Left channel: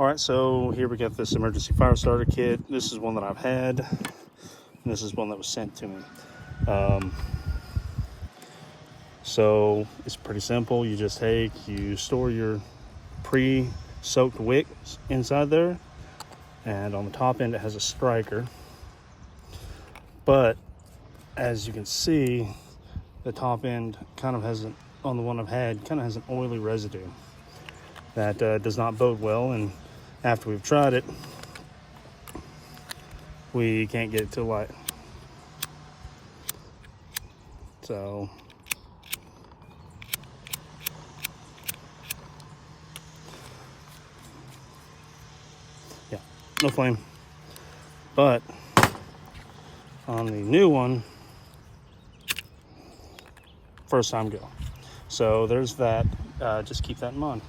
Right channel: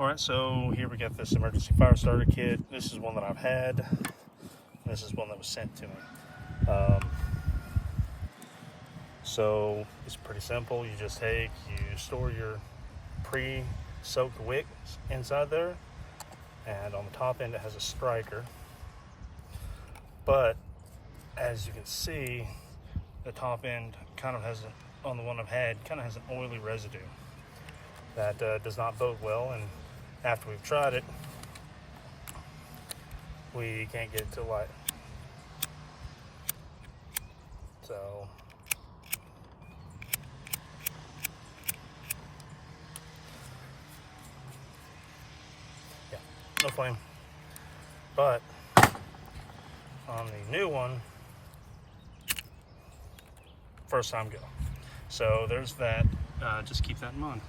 All right, so here we got this emergency fire starter kit. This is one that I've had. And this is one that was sent to me. So it's pretty simple. You just you store your pre-soaked wicks inside there, and on the top end it has a striker. But as you can see, the top end kind of has, on the one I've had, kind of has an oily residue that does not bode well. And after we've tried it, we can't get it to light. So yeah, no flame. But on the new one, first time go. So there's that. Just keep that in mind.